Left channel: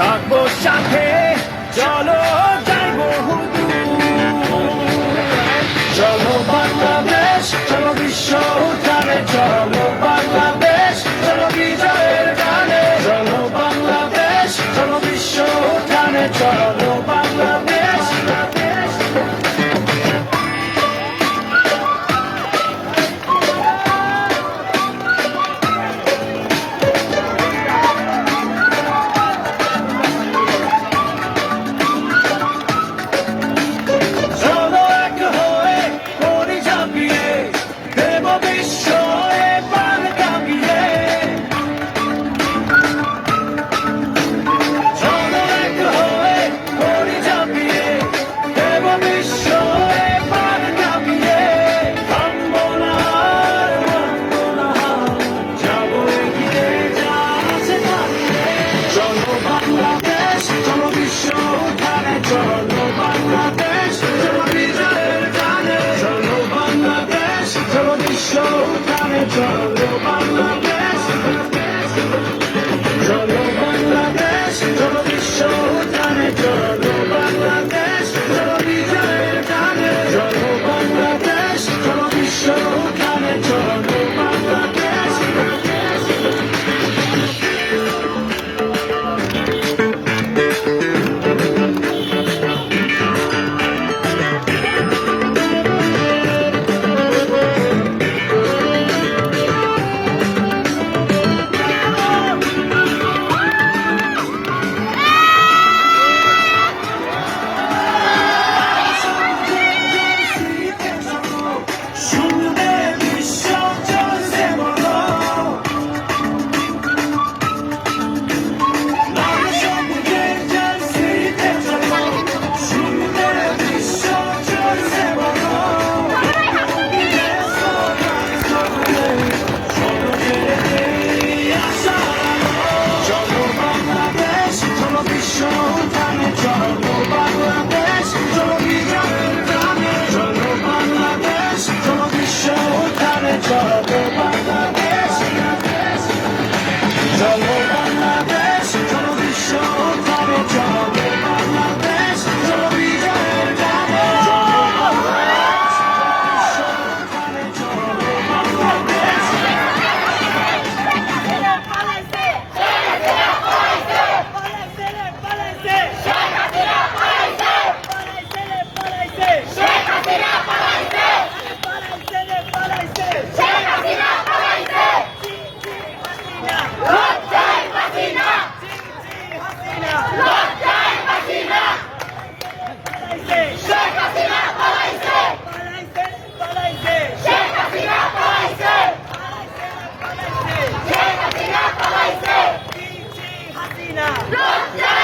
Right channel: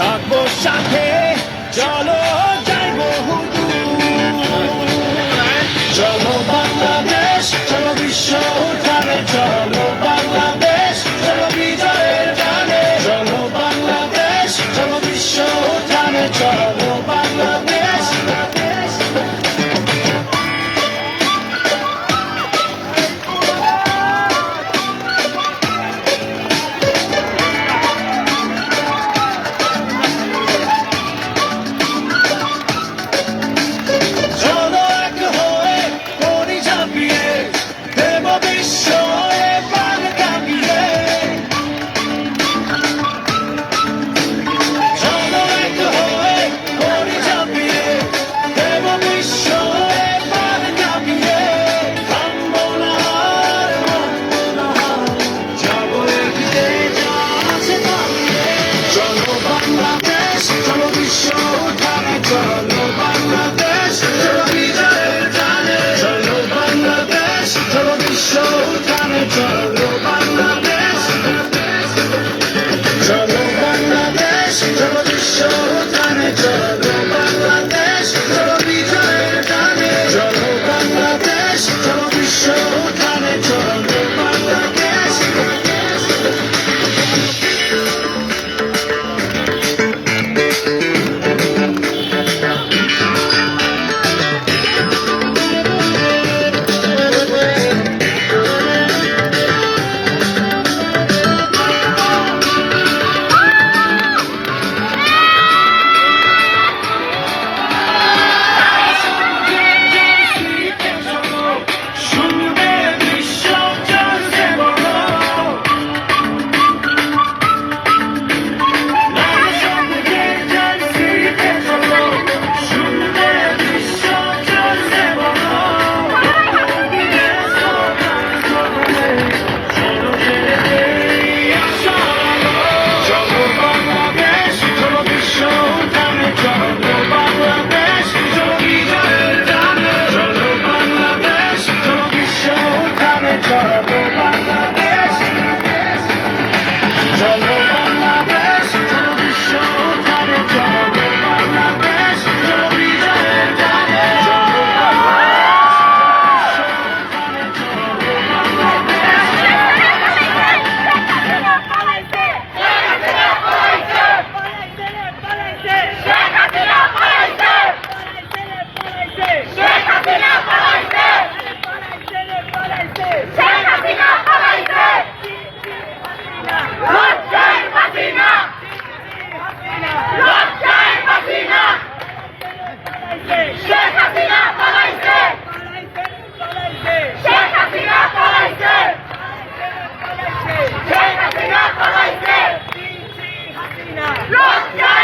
থাকবো সাথে, চলো যাই বহুদূর। চলো বাংলাদেশ, চলো বিশ্ব উঠানে, চলো বাংলাদেশ, চলো বিজয়ের গানে। চলো বাংলাদেশ, চলো বিশ্ব উঠানে, চলো বাংলাদেশ। চলো এক হয়ে করি ঝাঁপিয়ে, দেব বিস্ময়ে পার কাঁপিয়ে। চলো এক হয়ে করি ঝাঁপিয়ে, দেব বিস্ময়ে পার কাঁপিয়ে। থামবো না আর মানবো না হার, যাবো এগিয়ে যা আছে থামিয়ে। চলো বাংলাদেশ, চলো বিশ্ব উঠানে, চলো বাংলাদেশ, চলো বিজয়ের গানে। চলো বাংলাদেশ, চলো বিশ্ব উঠানে, চলো বাংলাদেশ। চলো বাংলাদেশ, চলো বিশ্ব উঠানে, চলো বাংলাদেশ, চলো বিজয়ের গানে। চলো বাংলাদেশ, চলো বিশ্ব উঠানে, চলো বাংলাদেশ। শুনবে বিশ্ব চলছে বড়, লাল সবুজের জার্সিতে চলো। শুনবে বিশ্ব চলছে বড়, দিলে স্লোগান করবে, চলো ছেড়ে দেই আশার আলো। চলো বাংলাদেশ, চলো বিশ্ব উঠানে, চলো বাংলাদেশ, চলো বিজয়ের গানে। চলো বাংলাদেশ, চলো বিশ্ব উঠানে, চলো বাংলাদেশ। চলো বাংলাদেশ, চলো বিশ্ব উঠানে, চলো বাংলাদেশ, চলো বিজয়ের গানে। চলো বাংলাদেশ, চলো বিশ্ব উঠানে, চলো বাংলাদেশ। Lockdown!